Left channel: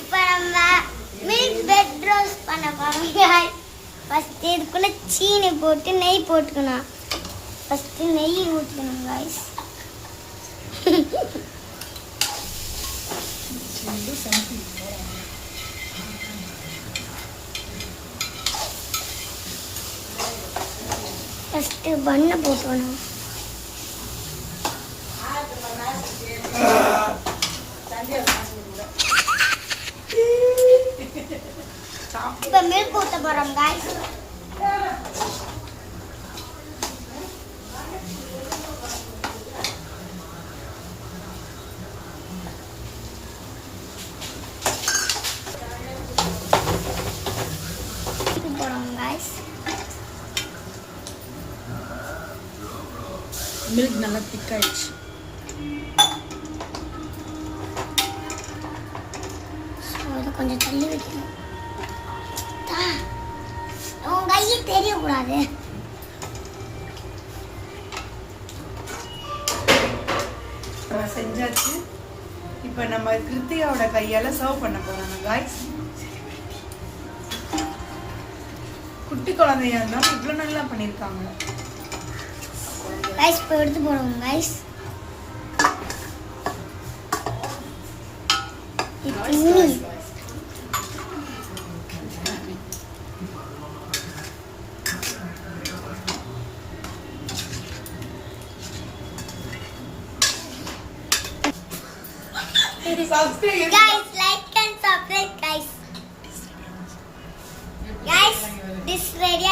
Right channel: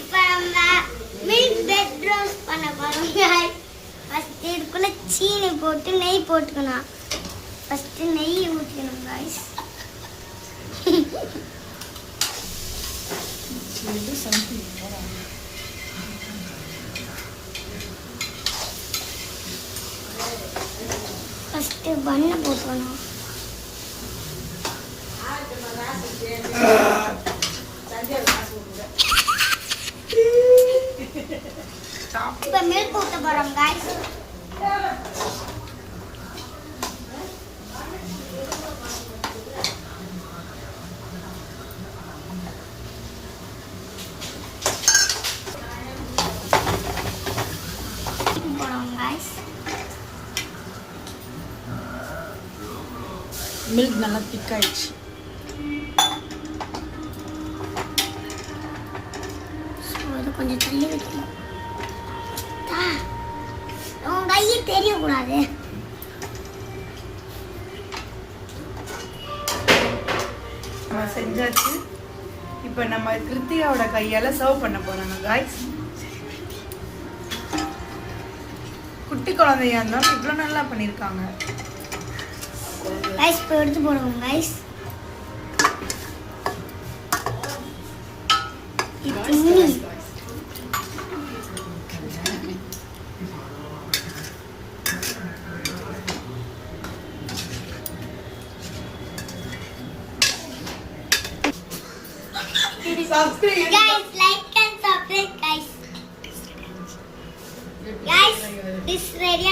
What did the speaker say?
இப்போ நம்ம milk bread roast பண்ண போறோம். ஃபர்ஸ்ட் இதுக்குள்ள சீனி போட்டு நெய் போட்டுக்கணும். ஃபர்ஸ்ட் நெய் ஊற்றிக்கணும் गाइस. ஃபர்ஸ்ட் பண்ண போடணும். இப்போ மில்க் ஊற்ற போறோம் गाइस. மில்க் நல்லா திக்காயிடுச்சு. கொஞ்சம் தள்ளி வைக்கணும். உன் கையை தெரியக்கூடாது. நம்ம செஞ்சாச்சு. இப்போ நம்ம கிருத்திகாவோட கையால சர்வ் பண்ண போறாங்க गाइस. குட்டி குழந்தையா இருந்தாலும் இவ்வளோ நல்லா பண்ணியிருக்காங்க गाइस. இப்போ எடுத்து போடுங்க guys. Subscribe. Guys, like and subscribe guys. Guys, this ready